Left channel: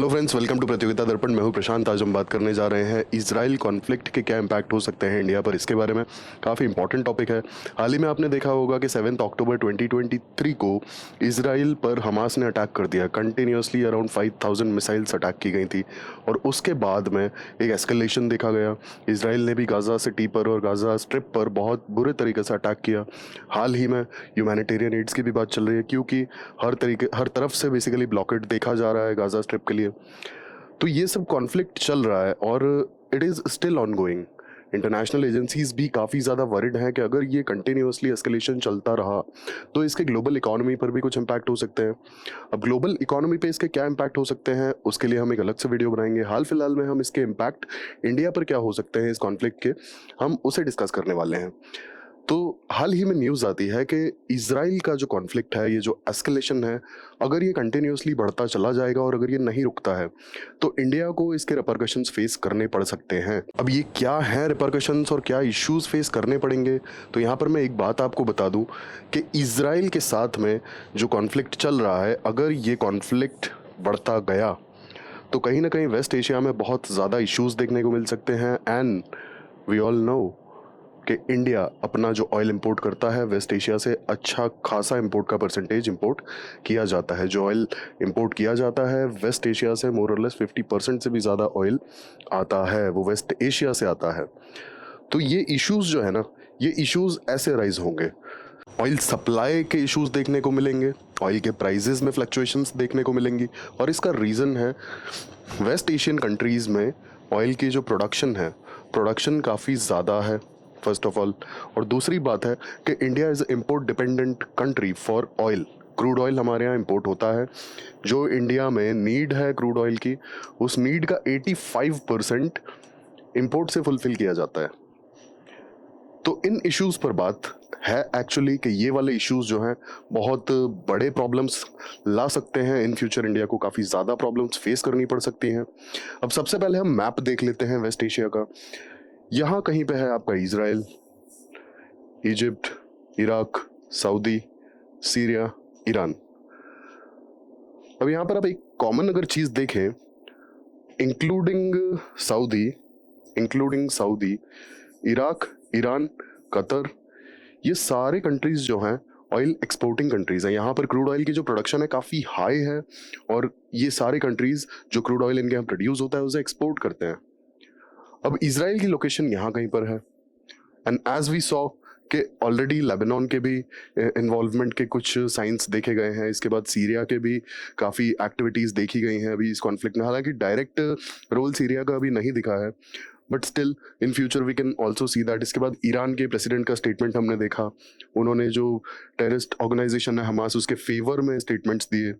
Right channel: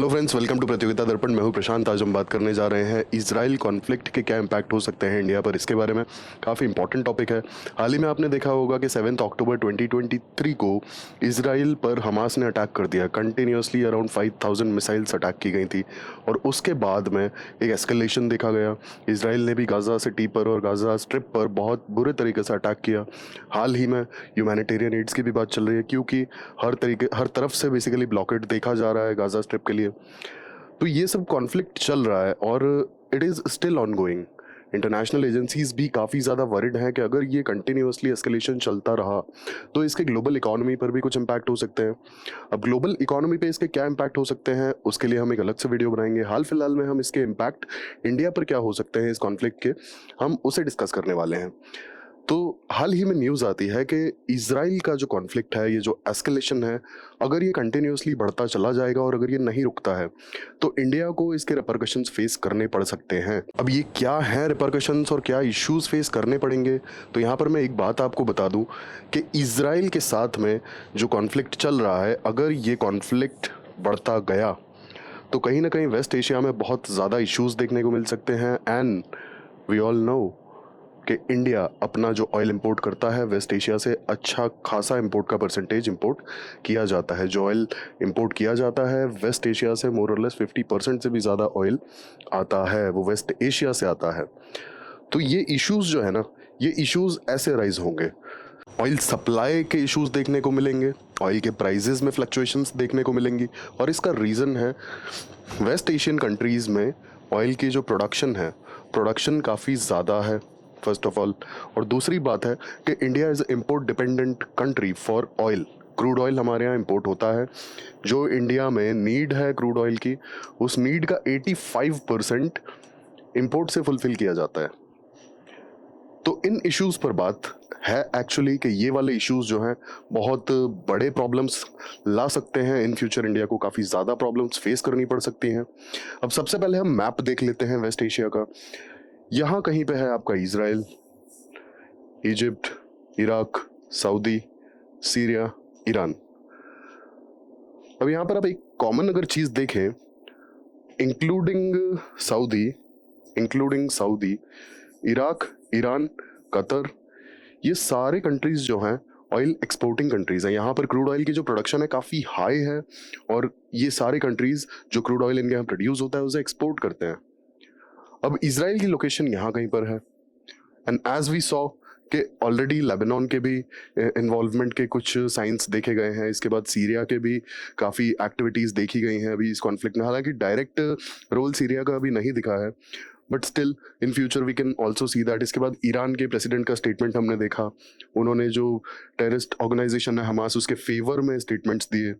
Hello friends, welcome to प्रतियोगिता दर्पण। मैं हूं प्रशांत। आज हम बात करने जा रहे हैं इजराइल कॉन्फ्लिक्ट के क्या इम्पैक्ट हो सकते हैं इंडिया पर, इसके बारे में। काफ़ी इंपॉर्टेंट टॉपिक है। हाल ही में आपने देखा होगा कि 7 अक्टूबर 2023 को इजराइल पर हमास ने अटैक कर दिया। कंटिन्यूसली अराउंड 5000 मिसाइल्स अटैक की गई थी और उसके बाद में एक एस्केलेशन देखा गया। इजराइल ने भी गाज़ा सिटी पर और गाज़ा स्ट्रिप पर बहुत बुरे तरीके से अटैक किया। हाल ही में ह्यूमैनिटेरियन एड्स की भी बात चल रही है, क्योंकि हर तरफ से बेसिकली ब्लॉकेड देखा जा रहा है गाज़ा स्ट्रिप के लिए। तो ये सब कॉन्फ्लिक्ट चल रहा है और it is still on going. International agencies भी काफ़ी ज़्यादा वरिड हैं कि अगर ये कंटिन्यूसली एस्केलेशन चलता रहा तो इसके ग्लोबल इकोनॉमी पर भी कुछ इम्पैक्ट हो सकते हैं। अब ग्लोबल इकोनॉमी पे इसके क्या इम्पैक्ट हो सकते हैं, उसके लिए हम एक अलग से वीडियो बनाएंगे। हाल फिलहाल में हम इसके इम्पैक्ट इंडिया पर क्या हो सकते हैं इस कॉन्फ्लिक्ट के, हम उसे डिस्कस करने वाले हैं। तो हाल ही में न्यूज़ आती है कि इजराइल का जो कॉन्फ्लिक्ट है, ये जो एस्केलेशन है, अगर ये कंटिन्यूसली बढ़ता चला जाएगा और अगर ये नहीं रुकता है तो इंडिया को इसके रिपरकशंस फेस करने पड़ सकते हैं। अब ये क्या है रिपरकशंस और क्या इश्यूज फेस करने पड़ेंगे, तो यहाँ पर मैं एक बात आपको बता दूं कि इजराइल के साथ में जो कॉन्फ्लिक्ट चल रहा है, अगर ये कॉन्फ्लिक्ट बढ़ता गया तो कहीं ना कहीं वेस्ट एशिया में बहुत ज़्यादा इश्यूज देखने को मिल सकते हैं। एंड वी ऑल नो कि इंडिया अपना जो ऑयल इंपोर्ट करता है वेस्ट एशिया से, अच्छा खासा इंपोर्ट का परसेंटेज इंपोर्ट किया जाता है। जो ऑयल इंपोर्ट किया जाता है वेस्ट एशिया से, मोर और लेस 50% से भी ज़्यादा ऑयल आता है वो वेस्ट एशिया से आता है। तो ये इश्यूज जो है ना, ये इश्यूज ऐसे राइज होंगे। ऑयल सप्लाई के इश्यूज देखने को मिलेंगे, ऑयल के प्राइसेस में फ्लक्चुएशंस देखने को मिलेंगी, और इसका रीज़न है वेस्ट एशियन कंट्रीज में ऑयल की जो प्रोडक्शन काफ़ी ज़्यादा है, फर्स्ट ऑफ ऑल। और दूसरी बात है कि India is import dependent country for oil. Crude oil हमारे यहाँ इंपोर्ट होता है। जो इंडिया में नीड है क्रूड ऑयल की, उस नीड का 85% इंपोर्ट से फुलफिल किया जाता है। तो इन इश्यूज पर बात है एक्चुअली कि ये वाले इश्यूज जो हैं बहुत बड़े प्रॉब्लम्स ला सकते हैं। इन फ्यूचर इंडिया को काफ़ी ज़्यादा प्रॉब्लम्स फेस करनी पड़ सकती हैं। अब सबसे पहले हम मैप देख लेते हैं वेस्ट एशिया का। यहाँ कहीं पे है आपका Israel, Egypt, Iraq, Saudi, Syria, Iran. अब यहाँ पर आप एक कॉमन अगर चीज़ देखें, including Saudi Saudi, Iraq, Iran, Qatar, ये सारे कंट्रीज जो हैं ऑयल एक्सपोर्टिंग कंट्रीज हैं। यहाँ पर क्रूड ऑयल की जो प्रोडक्शन है काफ़ी हाई है, और ये सारे कंट्रीज जो क्रूड ऑयल इनके यहाँ प्रोड्यूस होता है उसे एक्सपोर्ट करते हैं। अब इसराइल की लोकेशन यहाँ कहीं पर है, एंड एज वी सॉ कि ऑलरेडी लेबनान के भी इन्वॉल्वमेंट के कुछ साइंस देखे गए हैं। इसके बाद सीरिया के भी काफ़ी एक्टिविटीज़ देखी गई हैं अभी इस कॉन्फ्लिक्ट में। हालांकि डायरेक्ट रोल सीरिया का अभी नहीं दिखा है, but still in future we can also see that. इसके बाद ईरान के प्रेसिडेंट का स्टेटमेंट हमने देखा, उन्होंने जो टेररिस्ट ऑर्गेनाइजेशन है हमास, उसके फेवर में स्टेटमेंट्स दिए।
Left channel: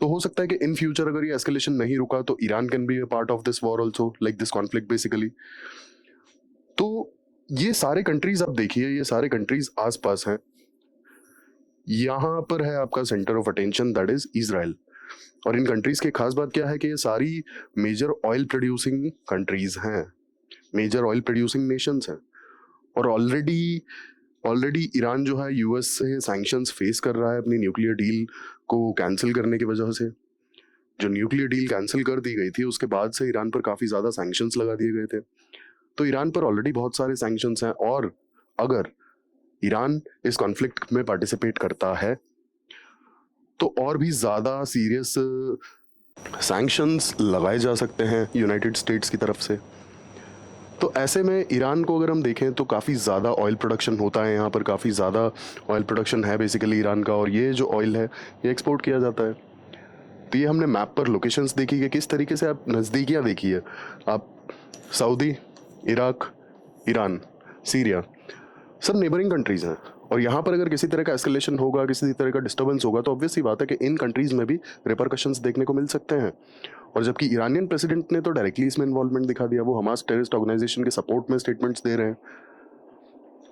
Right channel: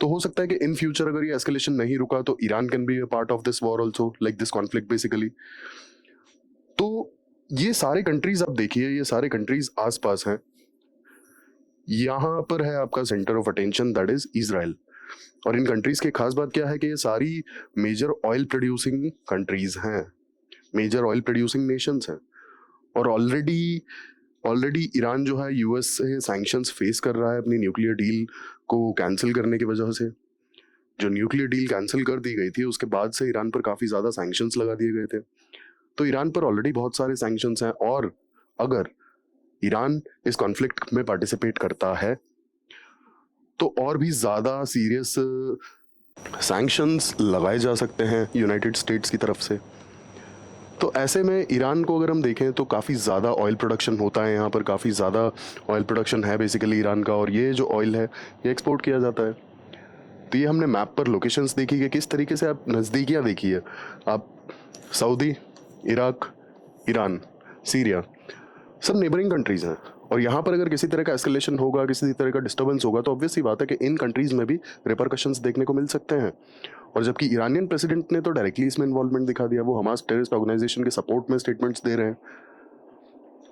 तो हो सकता है कि इन फ्यूचर अगर ये एस्केलेशन नहीं रुका तो Iran can be a part of this war also, like this conflict basically. तो ये सारे कंट्रीज आप देखिए, ये सारे कंट्रीज आसपास हैं। यहाँ पर है आपका centre of attention, that is Israel. और इन कंट्रीज की खास बात क्या है कि ये सारी मेजर ऑयल प्रोड्यूसिंग कंट्रीज हैं, मेजर ऑयल प्रोड्यूसिंग नेशंस हैं। और ऑलरेडी ईरान जो है यूएस से सैंक्शंस फेस कर रहा है अपनी न्यूक्लियर डील को कैंसिल करने की वजह से। जो न्यूक्लियर डील कैंसिल कर दी गई थी उसके बाद से ईरान पर काफ़ी ज़्यादा सैंक्शंस लगा दिए गए थे। तो ईरान पर ऑलरेडी बहुत सारे सैंक्शंस हैं, और अगर ईरान इस कॉन्फ्लिक्ट में पार्टिसिपेट करता है तो और भी ज़्यादा सीरियस सैंक्शंस लगाए जा सकते हैं यूनाइटेड स्टेट्स की तरफ से। तो ऐसे में ईरान को अगर हम देखें तो काफ़ी ज़्यादा ऑयल प्रोडक्शन होता है यहाँ पर, काफ़ी ज़्यादा ऑयल प्रोडक्शन है बेसिकली ईरान का, और ये जो ऑयल है ये एक्सपोर्ट किया जाता है। तो ये हमने मैप पर लोकेशंस देखी है, किस तरीके से आप नज़दीकियाँ देखी है। आप सऊदी, इराक, ईरान, सीरिया, सब नेबरिंग कंट्रीज हैं। और यहाँ पर अगर किसी तरह का एस्केलेशन होगा, किसी तरह का डिस्टर्बेंस होगा, तो ऑब्वियस सी बात है कि इन कंट्रीज में भी रिपरकशंस देखने को मिल सकते हैं। और जबकि ईरानियन प्रेसिडेंट ने तो डायरेक्टली इसमें इन्वॉल्वमेंट दिखा दिया, वो हमास टेररिस्ट ऑर्गेनाइजेशन के सपोर्ट में स्टेटमेंट्स दे रहे हैं।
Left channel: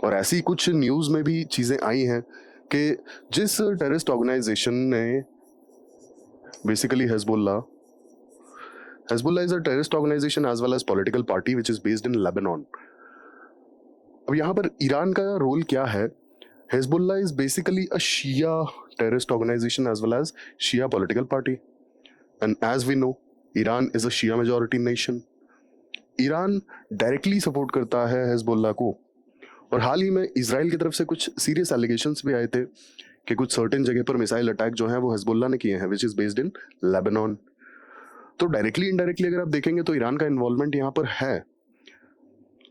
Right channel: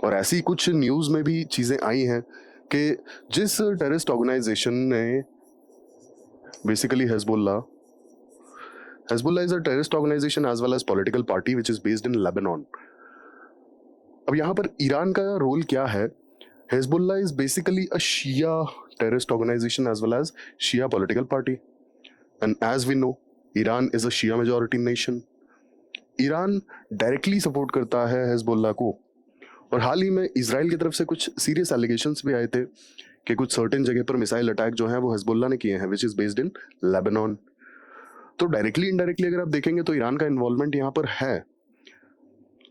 और ऐसी कुछ न्यूज़ में भी चीज़ें आई हैं कि जिस टेररिस्ट ऑर्गेनाइजेशन ने basically Hezbollah is a terrorist organization as well as political party which is based in Lebanon. अब यहाँ पर ईरान का रोल क्या है? Hezbollah is basically a Shia terrorist organization as well as Shia political party. And as we know Iran is a Shia majority nation. Iran directly support करता है Hezbollah को, और हाल ही में इसराइल की तरफ से कुछ सीरियस एलिगेशंस भी आए थे कि कुछ सर्टेन जगह पर मिसाइल अटैक जो है वो हिजबुल्लाह ने किए हैं, which is based in Lebanon. तो डायरेक्टली इनडायरेक्टली अगर आप देखेंगे तो ईरान का इन्वॉल्वमेंट यहाँ पर है,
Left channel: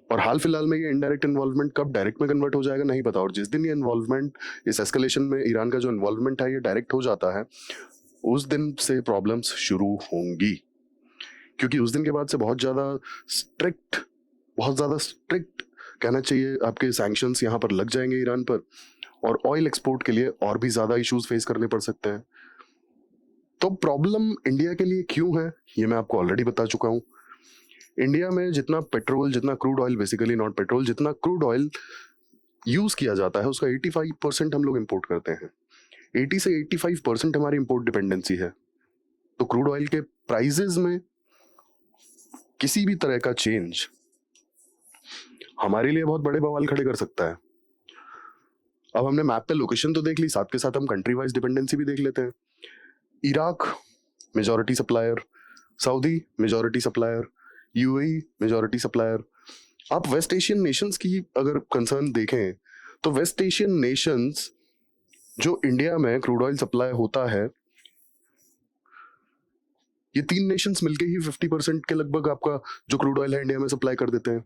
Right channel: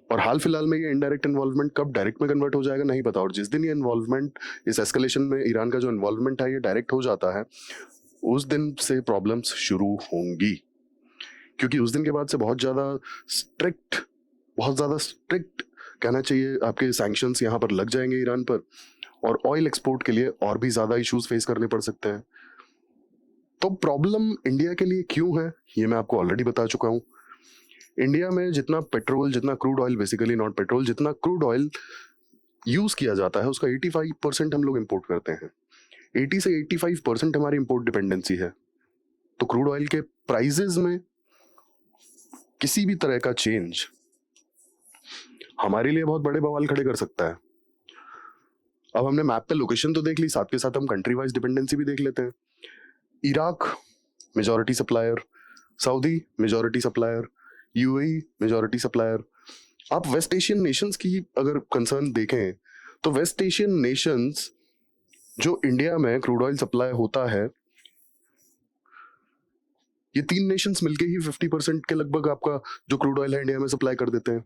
और हाल फिलहाल में ये इनडायरेक्ट इन्वॉल्वमेंट कब डायरेक्ट में कन्वर्ट हो जाएगा नहीं पता। और जिस दिन ये इन्वॉल्वमेंट, इस एस्केलेशन में ईरान का जो इन्वॉल्वमेंट है ये डायरेक्ट हो जाता है, उस दिन से प्रॉब्लम्स शुरू होंगी, क्योंकि उस दिन के बाद से बहुत ज्यादा स्ट्रिक्ट कहना चाहिए आपके सैंक्शंस यहाँ पर लग जाएंगे ईरान पर, और ऑयल एक्सपोर्ट के लिए और भी ज्यादा इश्यूज फेस करने पड़ सकते हैं। तो प्रॉब्लम इंडिया के लिए क्यों है ये मैं आपको ऑलरेडी बता चुका हूँ। इंडिया में जितना पेट्रोल, जितना crude oil, basically not petrol, जितना क्रूड ऑयल यूज किया जाता है उसका 85% हम लोग इंपोर्ट करते हैं। 80 से 85% हमारी इंपोर्ट डिपेंडेंसी है। तो क्रूड ऑयल के प्राइसेस में किसी भी तरह का चेंज हमारे लिए बहुत बड़े बवाल खड़े कर सकता है। अब हमने मैप पे लोकेशन तो देख ली, साथ के साथ हम कंट्री वाइज डिपेंडेंसी भी देख लेते हैं। Iraq majority supplier, Saudi majority supplier, UAE majority supplier. आप वेस्ट एशियन नेशंस की अगर कंसर्न देखें तो वेस्ट एशियन नेशंस जो इंडिया में क्रूड ऑयल सप्लाई होता है, ये 3 नेशंस मिलके ही 50% के लगभग आपका जो क्रूड ऑयल है इंडिया में सप्लाई कर देते हैं।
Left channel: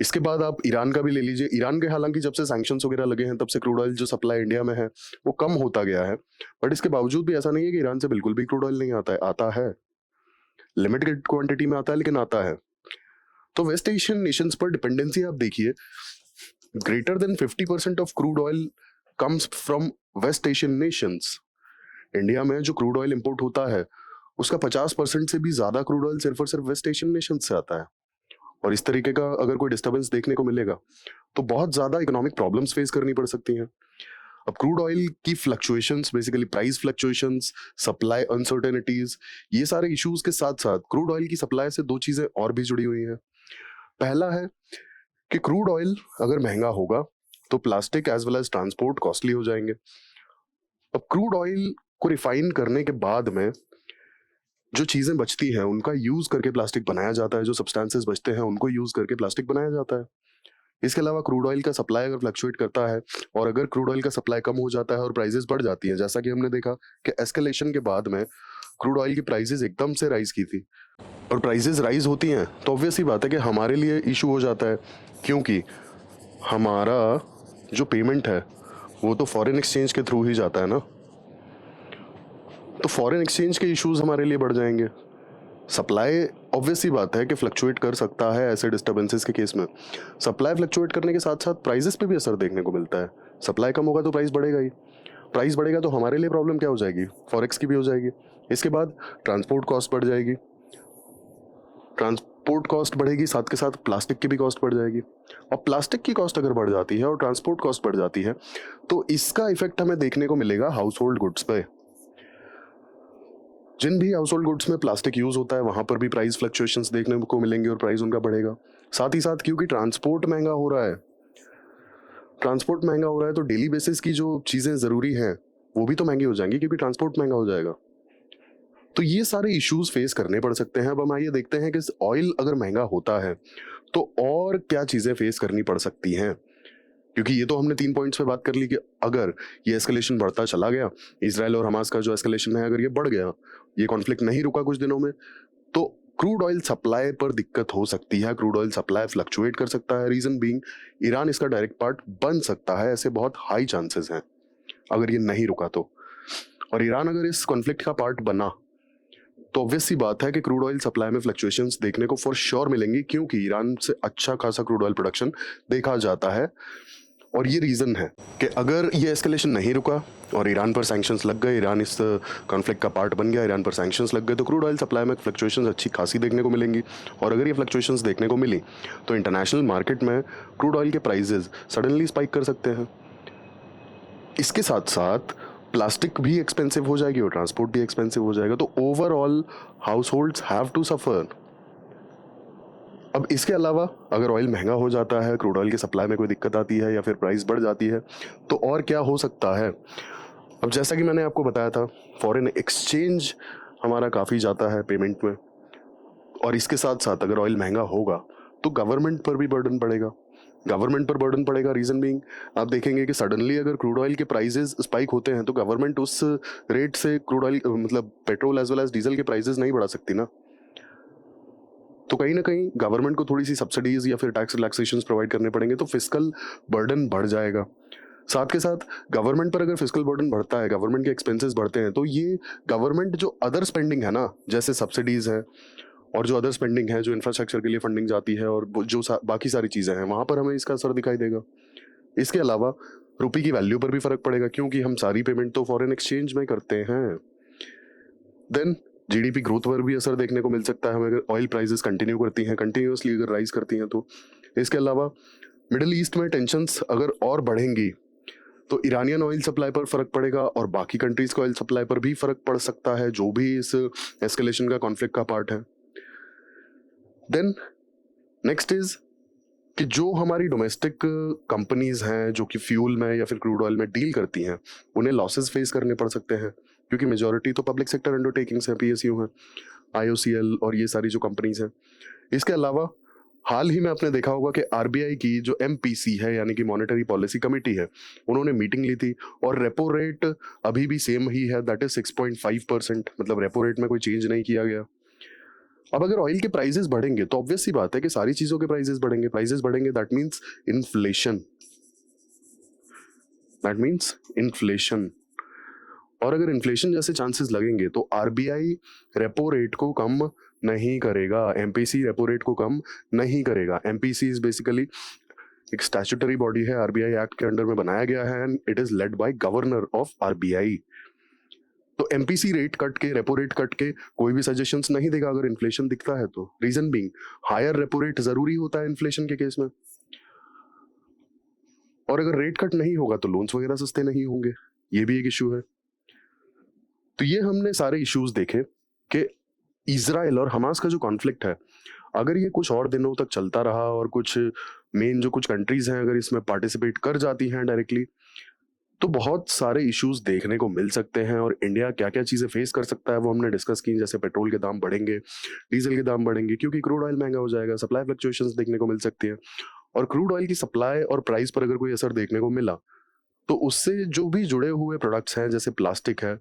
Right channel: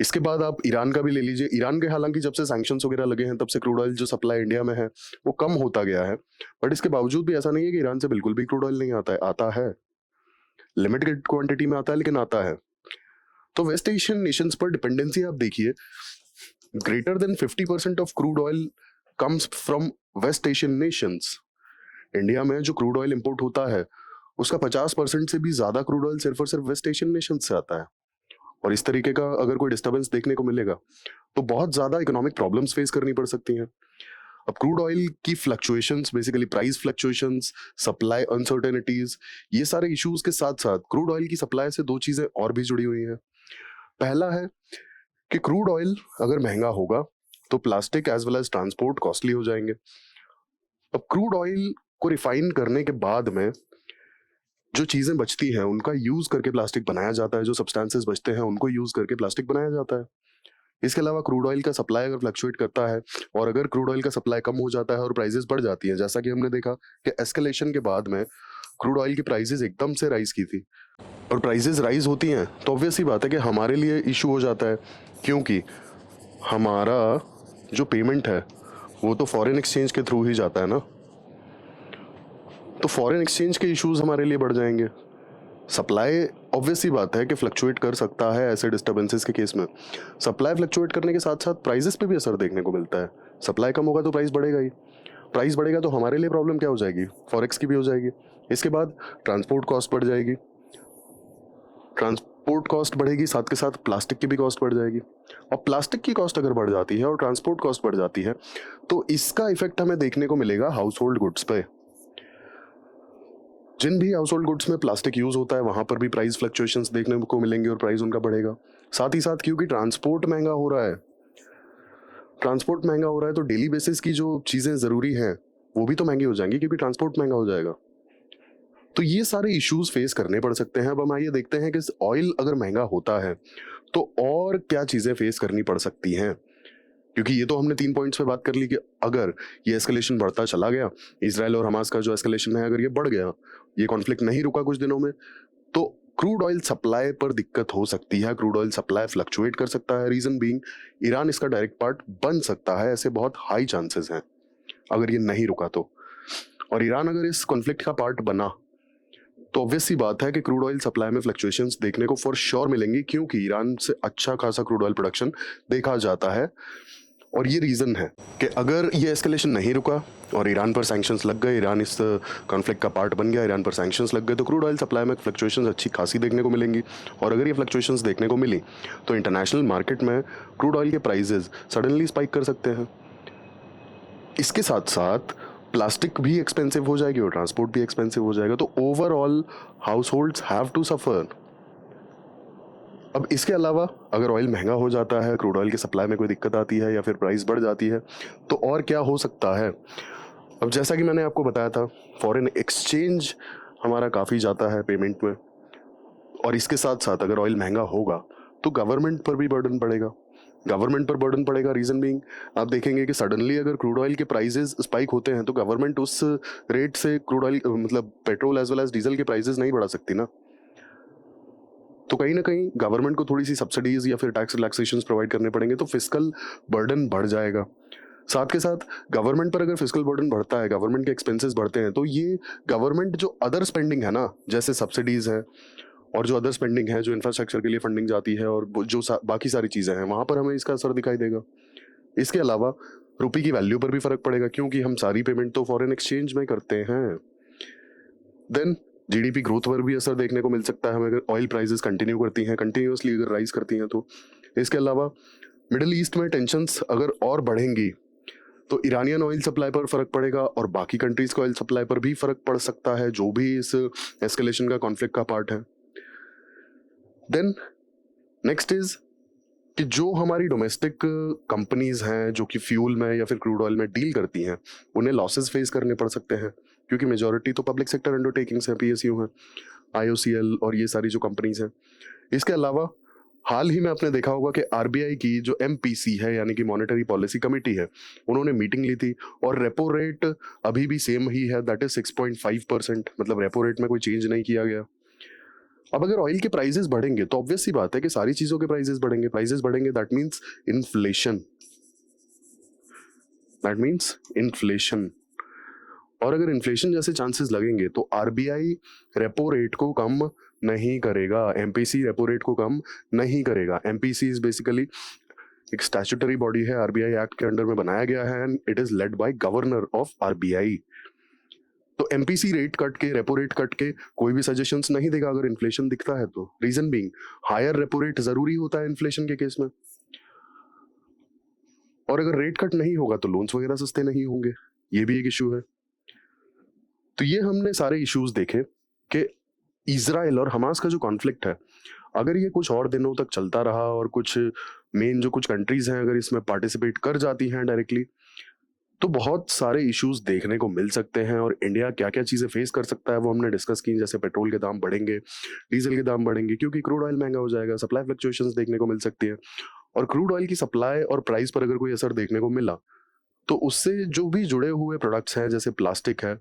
इसके बाद आप ईरान का भी ले लीजिए। ईरान के हालांकि जब से सैंक्शंस वगैरह लगे हैं तब से क्रूड ऑयल जो सप्लाई इंडिया में है वो कम होता गया है, बट इसके बावजूद भी ऐसा नहीं है कि ईरान से बिल्कुल भी क्रूड ऑयल नहीं आता है। आता है, लिमिटेड क्वांटिटी में आता है, लेकिन आता है। तो वेस्ट एशियन नेशंस पर डिपेंडेंसी आप देखिए, greater than 50% of crude oil comes from West Asian nations. India में जो क्रूड ऑयल इंपोर्ट होता है उसका 50% से भी ज्यादा क्रूड ऑयल सिर्फ और सिर्फ वेस्ट एशियन नेशन से आता है। और इस तरीके का अगर कोई डिस्टर्बेंस देखने को मिलेगा तो बहुत ज्यादा इकोनॉमिक प्रॉब्लम्स फेस करनी पड़ सकती हैं। अब क्रूड ऑयल की fluctuations, basically price fluctuations, supply uncertainties, ये सारे इश्यूज के साथ साथ क्रूड ऑयल की सप्लाई से 2 चीजें और भी जुड़ी हुई हैं। पहला है कि क्रूड ऑयल अगर महंगा होगा तो plastic as well as transport costly हो जाएंगे। अब क्रूड ऑयल को रिफाइन करने के बाद में जो चीजें बचती हैं उनका यूज करके प्लास्टिक बनाया जाता है, जो सब्सटेंसेस बचते हैं उनको यूज करके प्लास्टिक बनाया जाता है। इसके अलावा क्रूड ऑयल का सप्लाई अगर फ्लक्चुएट करता है, और अगर क्रूड ऑयल का सप्लाई कम हो जाता है और प्राइसेस बढ़ जाती है, जैसा कि हमने देखा कि एस्केलेशन के बाद में क्रूड ऑयल की प्राइसेस एकदम से राइज की थी, और प्राइसेस राइज होती हैं तो ऑब्वियस सी बात है कि हमारे लिए इशू हो जाता है, क्योंकि हमारा जो पेमेंट है वो तो फॉरेन एक्सचेंज के थ्रू ही जाता है ना। तो फॉरेन एक्सचेंज के इश्यूज हमारे लिए बढ़ जाएंगे। सप्लाई ऑब्वियस सी बात है कि फ्लक्चुएट कर सकता है ऐसे डिस्टर्बेंसेस के केस में। सप्लाई फ्लक्चुएट करने के साथ साथ प्राइसेस पे भी असर देखने को मिलता है। सप्लाई कम होगा तो प्राइस बढ़ेगा ही, प्राइस बढ़ेगा तो हमारे लिए प्रॉब्लम क्या हो जाएगी, फॉरेक्स की भी हो जाएगी। इसके बाद ट्रांसपोर्ट कॉस्ट बढ़ जाएगी, ट्रांसपोर्ट कॉस्ट बढ़ेगी, साथ के साथ प्लास्टिक की भी कॉस्ट बढ़ जाएगी। और प्लास्टिक की कॉस्ट अगर बढ़ जाती है और ट्रांसपोर्ट कॉस्ट बढ़ जाती है तो इसका इफेक्ट हमें देखने को मिलेगा हाउस होल्ड गुड्स पे। जिन भी हाउस होल्ड गुड्स में प्लास्टिक यूज होता है वहां पर भी प्राइस फ्लक्चुएशंस देखने को मिलेंगे और प्राइस उनका बढ़ेगा। साथ ही साथ क्योंकि ट्रांसपोर्ट महंगा हो रहा है तो डेली बेसिस की जो चीजें जरूरी हैं वो भी तो महंगी हो जाएंगी, क्योंकि ट्रांसपोर्ट महंगा हो जाएगा। तो ये सारे इश्यूज फेस करने पड़ सकते हैं। अब हम आइए देखते हैं कि ऑयल अगर महंगा होता है तो और क्या चीजें फेस करनी पड़ सकती हैं, क्योंकि ये तो हमने 3 पॉइंट्स पे बात कर ली कि अगर ये एस्केलेशन बढ़ता चला गया, इसराइल और हमास का जो एस्केलेशन है अगर ये बढ़ गया, ये कॉन्फ्लिक्ट नहीं रुका कुछ दिनों में, तो क्रूड ऑयल सप्लाई पर दिक्कत हो सकती है। क्रूड ऑयल सप्लाई फ्लक्चुएट कर सकता है। रीजन बीइंग ईरान इसका डायरेक्ट पार्ट बन सकता है, ऐसे बहुत हाई चांसेस हैं अगर ये नहीं रुका तो। और ईरान अगर इस कॉन्फ्लिक्ट का पार्ट बना तो ऑब्वियस सी बात है कि क्रूड ऑयल सप्लाई में फ्लक्चुएशंस देखने को फॉर श्योर मिलेंगी, क्योंकि ईरान से अच्छा खासा क्रूड ऑयल प्रोडक्शन देखा जाता है। और ये रीज़न है कि अगर ये एस्केलेशन नहीं रुका और ईरान पर सैंक्शंस लग गए, ईरान इस कॉन्फ्लिक्ट का पार्ट बन गया, ईरान पर सैंक्शंस लग गए, तो क्रूड ऑयल सप्लाई में फ्लक्चुएशंस अच्छी खासी देखने को मिलेंगी। और अगर ये फ्लक्चुएशंस देखने को मिली तो इंटरनेशनल मार्केट में क्रूड ऑयल के प्राइसेस सडनली स्पाइक कर सकते हैं। इसके साथ साथ प्लास्टिक भी एक्सपेंसिव हो जाएगी और ट्रांसपोर्ट भी एक्सपेंसिव हो जाएगा, तो overall households have to suffer. अब इसके अलावा अगर ऑयल महंगा हो जाता है, क्रूड ऑयल की सप्लाई में कोई दिक्कत आती है या फिर प्राइस बढ़ जाती है, तो और क्या हो सकता है। अब जैसा कि मैंने आपको बताया था, फॉरेन एक्सचेंज हमारा काफ़ी जाता है पेमेंट में, और इसके साथ साथ अगर ऑयल महंगा होगा तो गवर्नमेंट पर भी बर्डन पड़ेगा। गवर्नमेंट पर बर्डन पड़ेगा, रीज़न बीइंग आप देखेंगे कि सडनली अगर क्रूड ऑयल के प्राइसेस स्पाइक होते हैं तो गवर्नमेंट उस रेट से क्रूड ऑयल मतलब petrol as well as diesel के प्राइसेस नहीं बढ़ा सकती ना। तो कहीं ना कहीं गवर्नमेंट को थोड़ी सी सब्सिडीज या फिर टैक्स रिलैक्सेशंस प्रोवाइड करने पड़ेंगे, तो फिस्कल बर्डन बढ़ जाएगा। साथ के साथ गवर्नमेंट पर अगर फिस्कल बर्डन बढ़ता है, गवर्नमेंट के एक्सपेंसेस बढ़ते हैं, तो ये गवर्नमेंट जो अदर स्पेंडिंग है ना, जैसे सब्सिडीज है और जो अदर स्पेंडिंग है, जो इंफ्रास्ट्रक्चर के लिए फंडिंग जाती है और जो बाकी सारी चीज़ें हैं, वहाँ पर हमें इसका असर दिखाई देगा। इसके अलावा रुपये की वैल्यू पर भी फर्क पड़ेगा, क्योंकि हम सारी पेमेंट तो फॉरेन एक्सचेंज में करते हैं। देन जीडीपी ग्रोथ पर भी असर देखने को मिल सकता है हमें, अगर ऑयल प्राइसेस कंटिन्यू करती हैं, कंटिन्यूसली अगर राइज करती हैं तो। इसके अलावा मिडिल ईस्ट में टेंशन्स अगर और बढ़ेंगी तो ईरानियन ऑयल सप्लाई पर फर्क पड़ेगा और बाकी कंट्रीज का ऑयल सप्लाई पर भी फर्क पड़ सकता है, जो भी इस एस्केलेशन का कॉन्फ्लिक्ट का पार्ट है। देन नेक्स्ट इज कि जो हमारी डोमेस्टिक कंपनीज हैं जो कि फ्यूल में या फिर क्रूड ऑयल में डील करती हैं, उन्हें लॉसेस फेस करने पड़ सकते हैं, क्योंकि मेजॉरिटी तो पब्लिक सेक्टर अंडरटेकिंग्स हैं, पीएसयू हैं, आईओसीएल और ये सारी जो कंपनीज हैं। इसके अलावा हाल ही में आपने देखा होगा कि आरबीआई की जो एमपीसी है, यानी कि मॉनेटरी पॉलिसी कमेटी है, उन्होंने मीटिंग ली थी और रेपो रेट अभी भी सेम ही है, दैट इज 6.5%। मतलब रेपो रेट में कोई चेंज नहीं किया गया। अब अगर ऑयल के प्राइसेस बढ़ेंगे तो ऑब्वियस सी बात है कि सारी चीजों के प्राइसेस बढ़ेंगे। प्राइसेस बढ़ेंगे दैट मींस इन्फ्लेशन, और अगर इन्फ्लेशन जैसे चांसेस लगेंगे तो आरबीआई रेपो रेट को कम नहीं करेगा, एमपीसी रेपो रेट को कम नहीं करेगा। एमपीसी इज बेसिकली एक स्टैट्यूटरी बॉडी है, आरबीआई एक्ट के अंडर में बनाया गया है and it is led by governor of RBI. तो एमपीसी रेट कट के, रेपो रेट कट के कोई भी सजेशंस नहीं देगा अगर इन्फ्लेशन दिखता है तो। Reason being higher repo rate जरूरी होता है इन्फ्लेशन के केस में, और अगर रेट कट नहीं होगा तो लोन्स वगैरह सस्ते नहीं होंगे, ये भी एक इशू है। तो ये हमने सारे इश्यूज देखे कि इजराइल और हमास का जो कॉन्फ्लिक्ट है, अगर ये कुछ और दिनों तक चलता रहा और कुछ मेन जो कुछ कंट्रीज हैं अगर इसमें पार्टिसिपेट कर जाती हैं डायरेक्टली, तो बहुत सारे इश्यूज देखने को मिल सकते हैं। और इंडिया क्या क्या चीजें फेस कर सकता है वो हमने डिस्कस की, जैसे पेट्रोल के दाम बढ़ेंगे, डीजल के दाम बढ़ेंगे क्योंकि क्रूड ऑयल महंगा हो जाएगा, सप्लाई फ्लक्चुएशंस देखने को मिल सकती है। और क्रूड ऑयल की सप्लाई और प्राइस पर अगर कोई असर देखने को मिला तो उससे जो भी जुड़े हुए प्रोडक्ट्स हैं, जैसे प्लास्टिक है,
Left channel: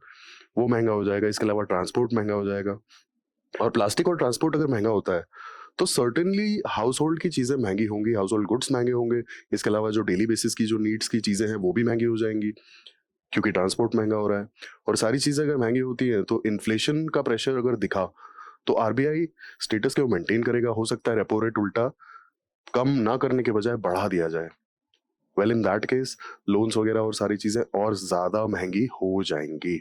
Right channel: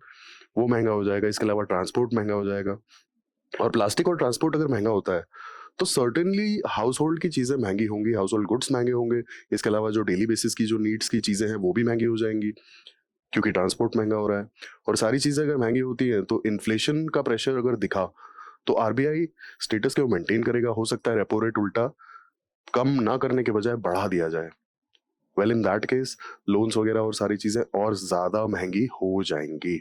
वो महंगा हो जाएगा। इसके अलावा ट्रांसपोर्ट महंगा हो जाएगा, और प्लास्टिक और ट्रांसपोर्ट अगर महंगा होता है तो सर्टेनली हाउस होल्ड की चीज़ें महंगी होंगी, हाउस होल्ड गुड्स महंगे होंगे। इसके अलावा जो डेली बेसिस की जो नीड्स की चीज़ें हैं वो भी महंगी हो जाएंगी, क्योंकि ट्रांसपोर्ट महंगा हो रहा है। और सारी चीज़ें अगर महंगी होती हैं तो इन्फ्लेशन का प्रेशर अगर दिखा तो आरबीआई स्टेटस को मेंटेन करेगा। हो सकता है रेपो रेट उल्टा कम ना करने के बजाय बढ़ा दिया जाए। Well in that case loans वगैरह और सारी चीज़ें और ज़्यादा महंगी हो जाएंगी।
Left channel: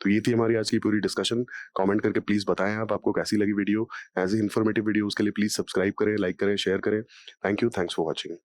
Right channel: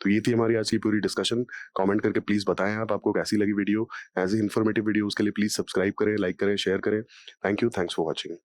तो ये थी हमारी आज की पूरी डिस्कशन। कमेंट करके प्लीज़ बताएं आप आपको कैसी लगी वीडियो। ऐसे इन्फॉर्मेटिव वीडियोस के लिए प्लीज़ सब्सक्राइब करें, लाइक करें, शेयर करें। Thank you, thanks for watching.